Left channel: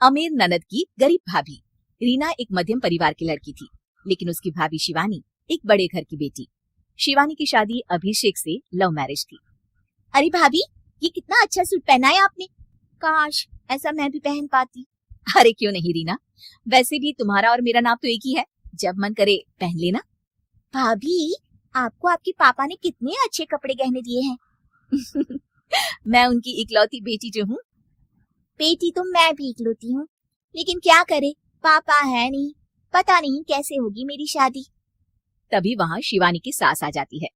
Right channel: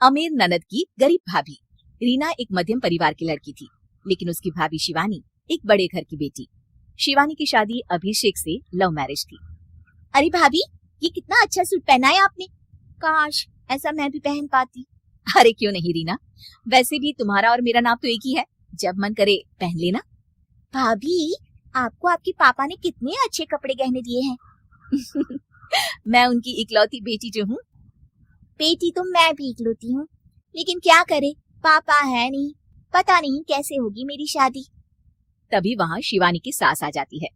अमीर ननद की गरीब भाभी। रीना एक मध्यम परिवार की लड़की थी, लेकिन उसकी भाभी शिवानी एक बड़े घर की बेटी। शिवानी की शादी अभिषेक से लव मैरिज थी। अरे भाभी, ये कितना अच्छा सूट पहना है आपने। काश ऐसा मैं भी पहन पाती। अरे क्यों नहीं रीना, वैसे भी तुम्हारा और मेरा नाम तो एक ही है, जब मन करे पहन लेना। भाभी, आपको आपके पापा ने कितने अच्छे कपड़े गहने दिए हैं। मैं उनकी इकलौती बेटी जो हूँ। बेटी तो मैं भी इकलौती हूँ, लेकिन क्या करे, पापा है नहीं, पता नहीं कैसे होगी मेरी शादी। तभी वहाँ शिवानी की सास आ जाती है।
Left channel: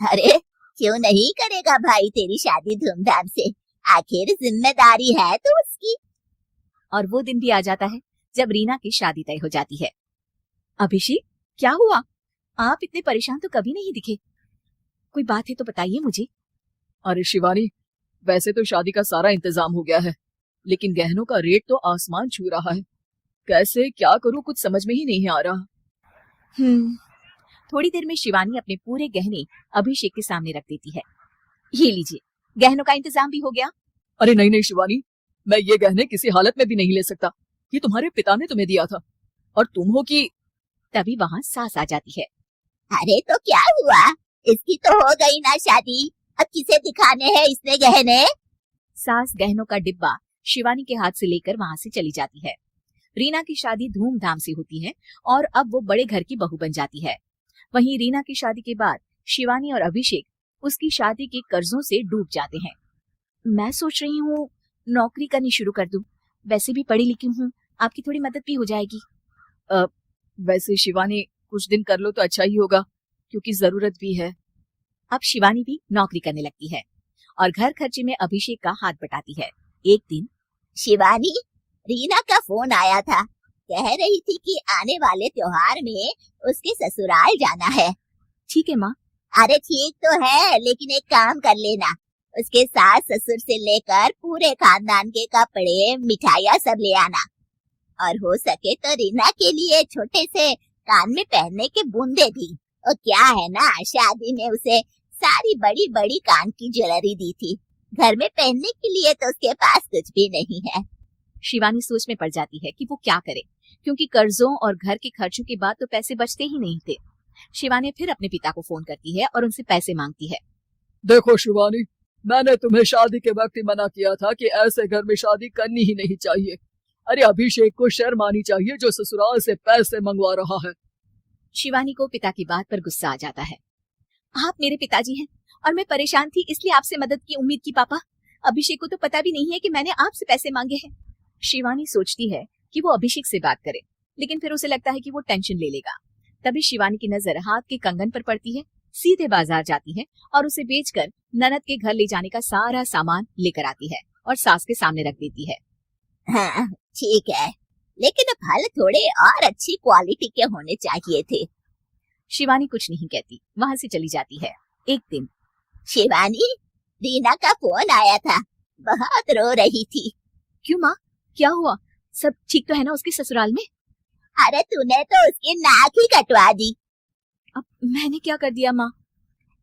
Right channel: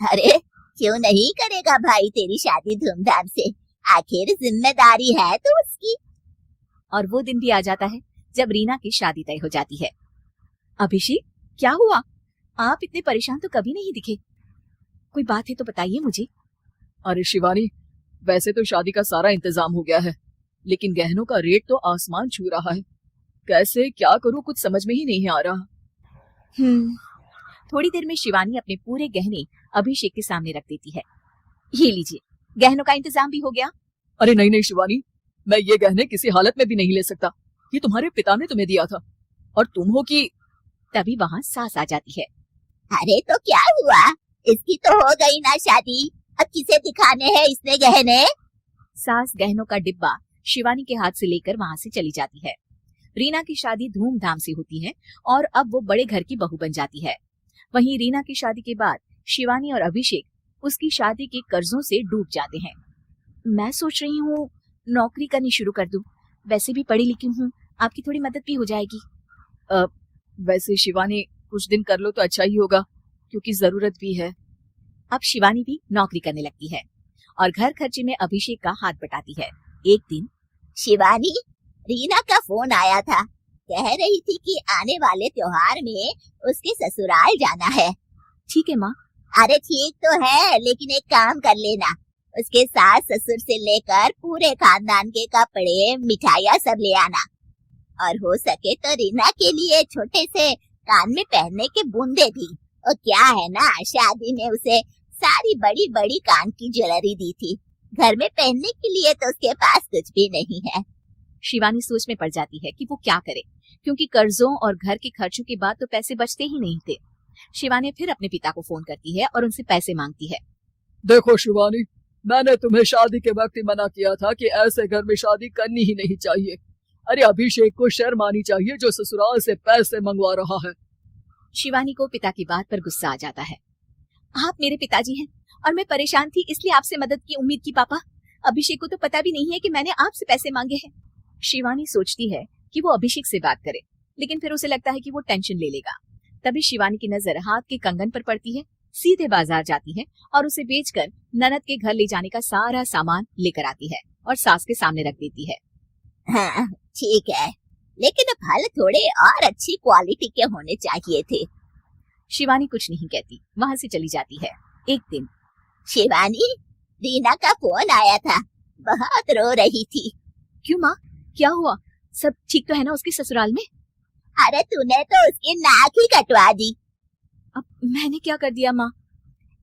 अरे क्यों नहीं करेगा भाई तेरी शादी धूमधाम से, आखिर जिम्मेदारी है तो उसकी। और वो दिन भी आ जाता है जब रीना की शादी तय हो जाती है। अभिषेक, क्या हुआ? आप इतने परेशान तो कभी नहीं दिखे, कोई बात है तो बताइए मुझे। अरे शिवानी, वैसे तो शादी का सारा इंतजाम हो गया है, लेकिन गहनों का रेट तो आसमान छू रहा है। कैसे क्या करूं, कुछ समझ में ही नहीं आ रहा। थोड़ी देर में शिवानी अपने पूरे गहने अभिषेक के सामने रख देती है। ये लीजिए, गहनों का इंतजाम भी हो गया। अरे नहीं नहीं शिवानी, मैं ये गहने किसी हालत में भी नहीं ले सकता। ये तुम्हारे पिता ने तुम्हें दिया था, और तुम हो कि। तभी वहाँ सास आ जाती है। अरे तो क्या हुआ, इसकी तो हो गई ना शादी, अब किसे दिखाने हैं इसने गहने। सास गहनों का डिब्बा शिवानी के हाथ से लेकर वहाँ से चली जाती है। रीना की शादी धूमधाम से होती है और अब वो बड़े घर की बहू बन जाती है। वहीं रीना की शादी के बाद शिवानी और अभिषेक उसकी शादी के कर्जों से डूब जाते हैं। मैं सोच रही हूँ नौकरी करनी शुरू कर दूं, वैसे भी पढ़ी लिखी हूँ, आपकी थोड़ी मदद भी हो जाएगी। वैसे शिवानी, कुछ दिन कर लो तो अच्छा ही होगा, क्योंकि जरूरत भी है। अब शिवानी भी नौकरी करने लगती है और घर खर्चे में अभिषेक का हाथ बटाती है। एक दिन शिवानी, रीना का फोन आया था, कह रही थी कि आने वाले त्योहार में उसके ससुराल जाना है। ठीक है माँ। अरे ठीक तो है, लेकिन एक काम कर लेना, उसके सास ससुर से लेकर पूरे खानदान के कपड़े मिठाइयाँ सब ले आना, और हो सके तो रीना के लिए छोटे से कान में पहनने के बूंदे भी। और क्या है ना, शादी में उसे सारी बड़ी बड़ी कान की ज्वेलरी दी थी, घर में पहनने के लिए तो उसके पास कुछ भी नहीं है। शिवानी सोच में पड़ जाती है कि वो क्या करे, क्योंकि कर्जों और घर के खर्चों के बाद तो पैसे बचते ही नहीं थे। शिवानी फिर अपने पिता को फोन करती है और उनसे पैसे मांगती है। देखो शिवानी, मैंने तुम्हें शादी के वक्त ही मना किया था कि ऐसे घर में शादी करनी ही नहीं चाहिए। अरे अभिषेक को शर्म आनी चाहिए जो ससुराल से पैसे मंगवा रहा है। शिवानी को पिता की बात पर गुस्सा आ जाता है। आप मेरे पिताजी हैं और मैं परेशान थी, इसलिए आपसे मदद की उम्मीद की पापा। अभिषेक को तो पता भी नहीं है कि मैंने आपसे पैसे मांगे हैं। शिवानी सोचती है कि वो अभिषेक से बात करे, लेकिन फिर उसे लगता है कि वो टेंशन ले लेगा। तभी शिवानी की नजर हाथ के कंगन पर पड़ती है। सीधे बाजार जाती है और उसे बेचकर ननद के घर ले जाने का सारा सामान लेकर आती है और सास के सामने रख देती है। हाँ ठीक है, लेकिन फल थोड़े और अच्छी क्वालिटी के होने चाहिए थे। शिवानी कुछ नहीं कहती, वहाँ से चली जाती है। एक दिन शिवानी, रीना का फोन आया था, बहुत रो रही थी। क्यों माँ, क्या हुआ? सब ठीक तो है ना उसके ससुराल में? अरे तूने तो उसकी नाक ही कटवा दी। अब मैंने क्या कर दिया माँ?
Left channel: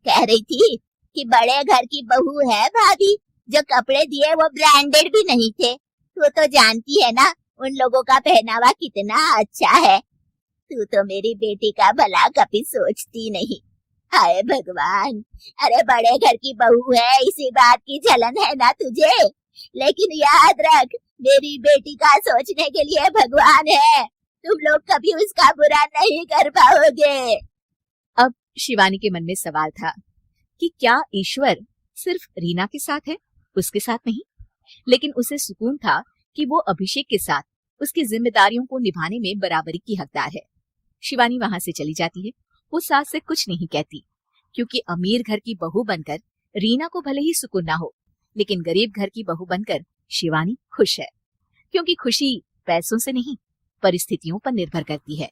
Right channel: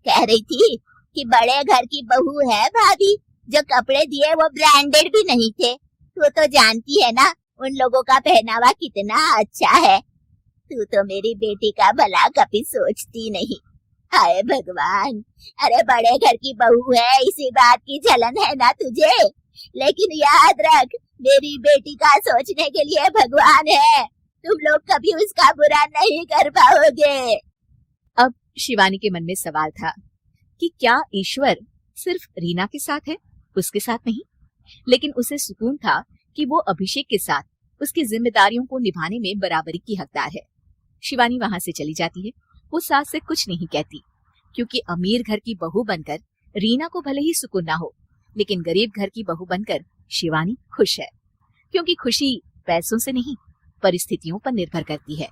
कह रही थी कि बड़े घर की बहू है भाभी, जो कपड़े दिए वो ब्रांडेड भी नहीं थे। तू तो जानती है ना उन लोगों का पहनावा कितना अच्छा है। तू तो मेरी बेटी का भला कभी सोचती नहीं। हाय भगवान, अरे बड़े घर की बहू है, इसी बात की जलन है ना तुझे, लेकिन याद रख मेरी बेटी का सोचने के लिए भगवान है, तुम लोग कभी उसका बुरा नहीं कर पाओगे। अब शिवानी के मन में सवाल था कि क्या ईश्वर सिर्फ रीना के साथ है, उसके साथ नहीं? लेकिन उसे सुकून था कि वो अभिषेक के साथ उसकी जिम्मेदारियों को निभाने में बराबरी की हकदार है। शिवानी वहां से चली जाती है। वो सास से कुछ नहीं कहती, क्योंकि अमीर घर की बहू बनकर रीना को भले ही सुकून ना हो, लेकिन गरीब घर की बहू बनकर शिवानी खुश है, क्योंकि खुशी पैसों से नहीं परिस्थितियों पर निर्भर करती है।